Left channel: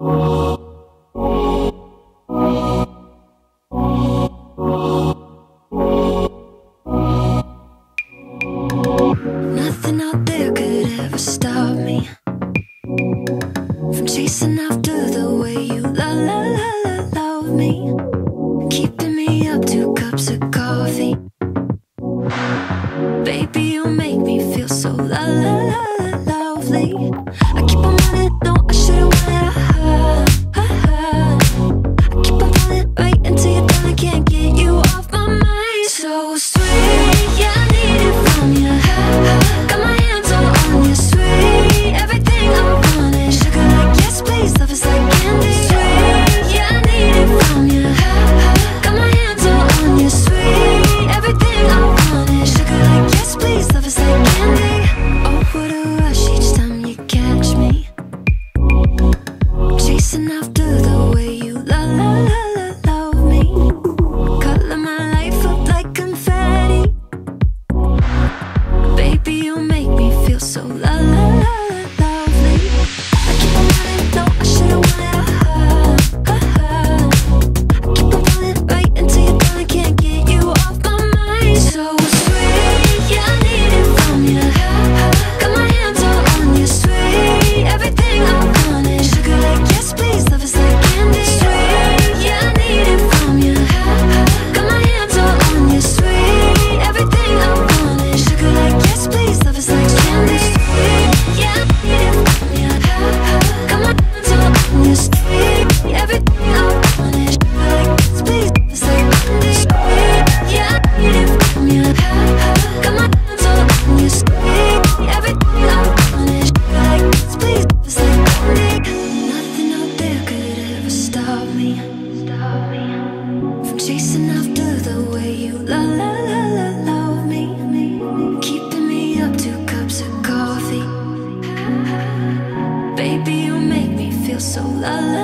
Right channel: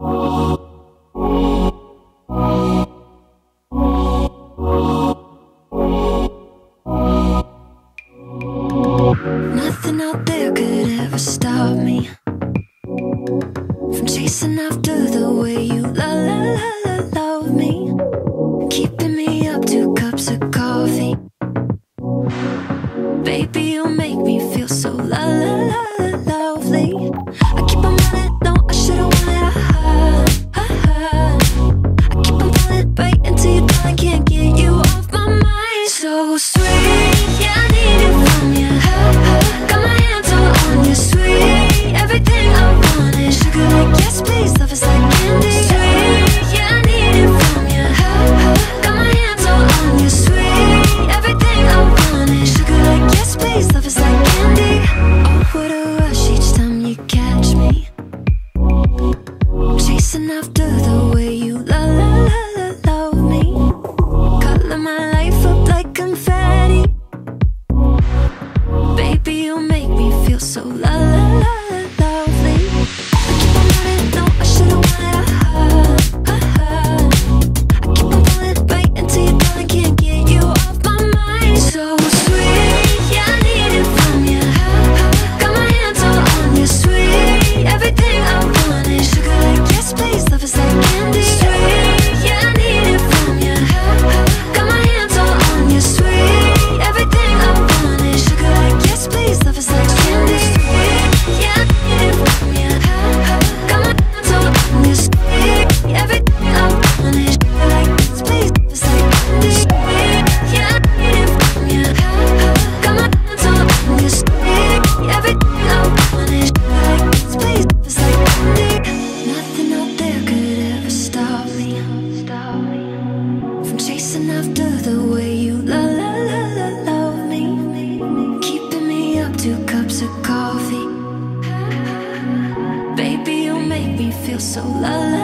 Nothing out there could ever stop me from chasing after the way you love me, keeping me up 2 cups of coffee. Baby, you make me feel so lovely. I keep on running, no, I should've wanted I keep on falling right into your thought, I can't get you off my mind. So sweet, yeah, I need it from you. Got my hands all on you, sweet. Everything I want is sugar like yes, please. Love is like candy. Sweet, yeah, I need it from you. Got my hands all on you, sweet. Everything I want is sugar like yes, please. Love is like candy. Oh, what a rush each time you catch me chasing after the way you love me. Color my life up like confetti. Baby, you make me feel so lovely. I keep on running, no, I should've wanted I keep on falling right into your thought, I can't get you off my mind. So sweet, yeah, I need it from you. Got my hands all on you, sweet. Everything I want is sugar like yes, please. Love is like candy. Sweet, yeah, I need it from you. Got my hands all on you, sweet. Everything I want is sugar like yes, please. Love is like candy. Sweet, yeah, I need it from you. Got my hands all on you, sweet. Everything I want is sugar like yes, please. Love is like candy. Sweet, yeah, I need it from you. Got my hands all on you, sweet. Everything I want is sugar like yes, please. Love is like candy. Nothing out there could ever stop me from chasing after the way you love me, keeping me up 2 cups of coffee. Baby, you make me feel so lovely.